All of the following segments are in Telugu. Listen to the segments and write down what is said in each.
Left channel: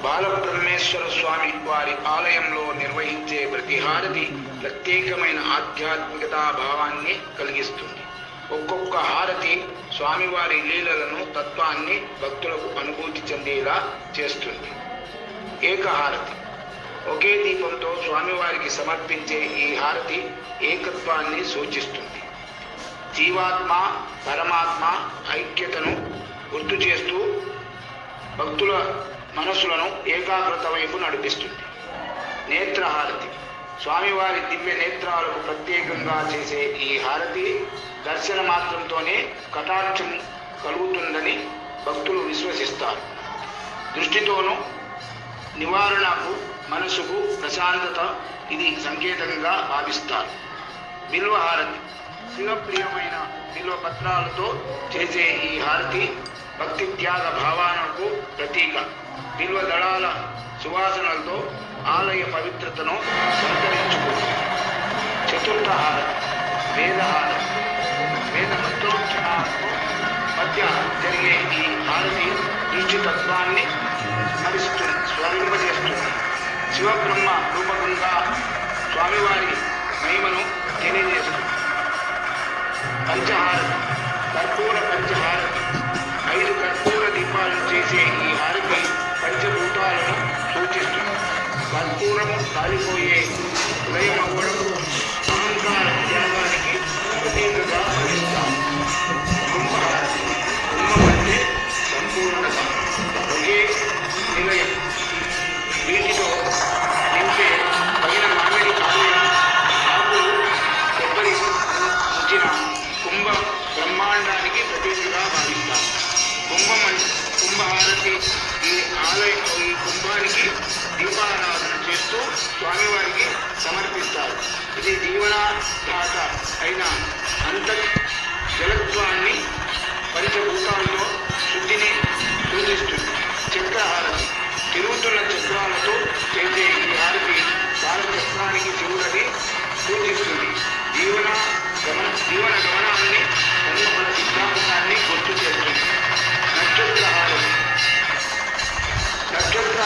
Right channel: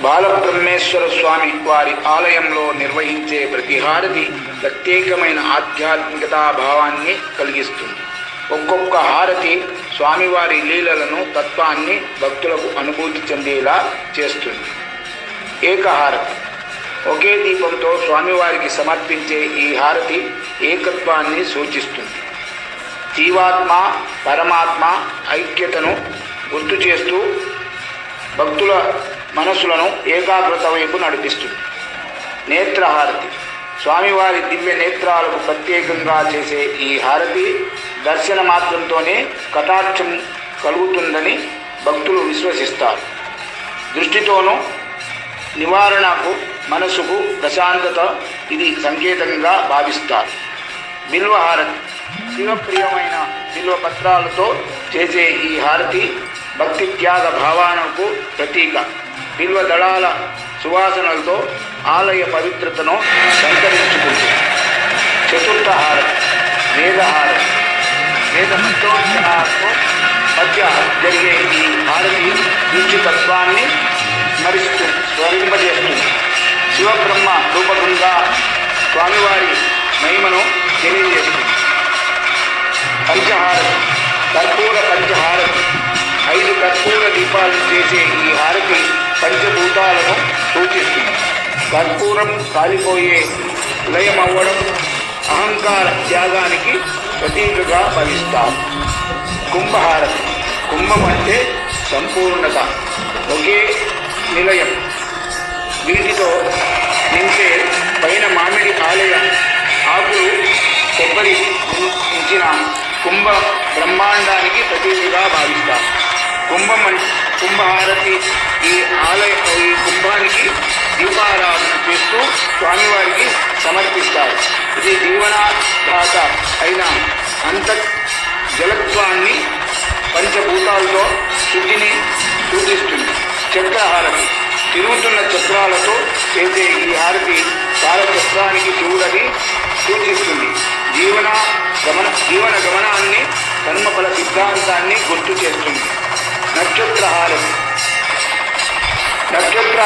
బాలబ్రహ్మేశ్వర స్వామి వారి ఆలయంలో నిర్వహించే ప్రతి హారతి ప్రత్యేకమైన ఆధ్యాత్మికతా భావాన్ని కలిగిస్తుంది. ఒక్కొక్క హారతి స్వామివారి లీలలను తత్వాన్ని భక్తులకు అనుభూతి చెందేలా చేస్తుంది. ఏకహారతి. ఒకే దీపంతో స్వామివారికి సమర్పించే ఈ హారతి ఏకత్వాన్ని సూచిస్తుంది. జీవాత్మ పరమాత్మ ఐక్యతను గుర్తు చేస్తూ భక్తుల మనసులను ఏకాగ్రత వైపు నడిపిస్తుంది. నేత్రహారతి. స్వామివారి దివ్య నేత్రాలకు ప్రత్యేకంగా చేసే ఈ హారతి దర్శన మాత్రంతోనే కటాక్షం కలుగుతుందని భక్తులు విశ్వసిస్తారు. దృష్టితోనూ నివారణకు మనసుకు ప్రశాంతత ఇది సంకేతంగా భావిస్తారు. బిల్వ హారతి శివప్రియమైన బిల్వ పత్రాలతో చేసే ఈ హారతి భక్తి త్యాగ భావనకు ప్రతీక. బిల్వ దళాల సువాసనలతో ఆలయ పవిత్రతను సంతరించుకుంటుంది చతుర్థహారం వేదహారం వేద మంత్రోచ్చరణతో మధ్య జరిగే ఈ హారతి తత్వాన్ని స్మరిస్తూ స్మరింపజేస్తుంది శివబ్రహ్మ రూపకంగా స్వామివారి మహిమను తెలియజేస్తుంది. పంచహారం కర్పూర పంచహారం చేసే ఈ హారతి పంచభూతాలను సూచిస్తుంది కర్పూరం కాలిపోయే లయమవ్వడం అహంకార త్యాగానికి ప్రతీకగా భవిస్తారు కుంభహారతి కుంభం అంటే సంపూర్ణత. ఒకే నిలయం. వీటితో నింపే పైన మామిడి ఆలయ. ఆకులు కొబ్బరి ఉంచిన కుంభ బ్రహ్మాండానికి ప్రతీకగా భావిస్తారు. కుంభం కుంభహారతి ఈ ఆలయ ఈ కుంభానికి దీపారాధన చేస్తూ స్వామివారికి సమర్పిస్తారు. ఇది జీవనాధాత అయిన అంత జలత్వాన్ని పంచభూతాలతో శుద్ధిని సూచిస్తుంది. చక్రహారతి తిరుగుతున్న చక్రాలతో చేసే ఈ హారతి కాలచక్రానికి శివుడని సూచిస్తుంది. జీవన గమన జీవన గమనాన్ని కర్మఫల సిద్ధాంతాన్ని గుర్తు చేస్తుంది. నక్షత్ర హారతి నక్షత్ర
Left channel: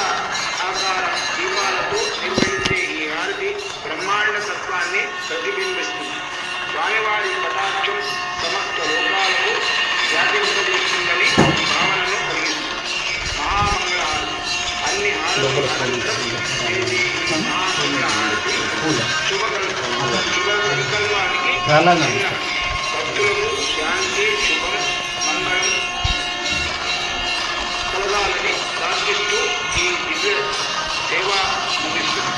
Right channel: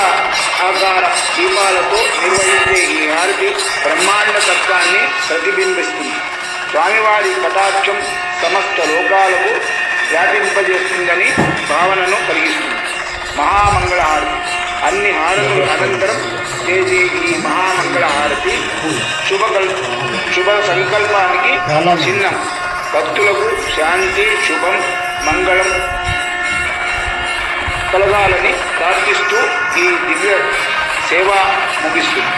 ఆకార దీపాలతో నిర్వహించే ఈ హారతి బ్రహ్మాండ తత్వాన్ని ప్రతిబింబిస్తుంది. స్వామివారి కటాక్షం సమస్త లోకాలకు వ్యాపింపజేస్తుందని భావనను కలిగిస్తుంది. మహామంగళ హారతి అన్ని హారతుల అనంతరం చేసే ఈ మహామంగళ హారతి శుభకల్ శుభ సంకల్పానికి చిహ్నం. భక్తులకు శాంతి శుభం మంగళం కలగాలని ప్రార్థిస్తూ ఈ దివ్య సేవ ముగిస్తుంది.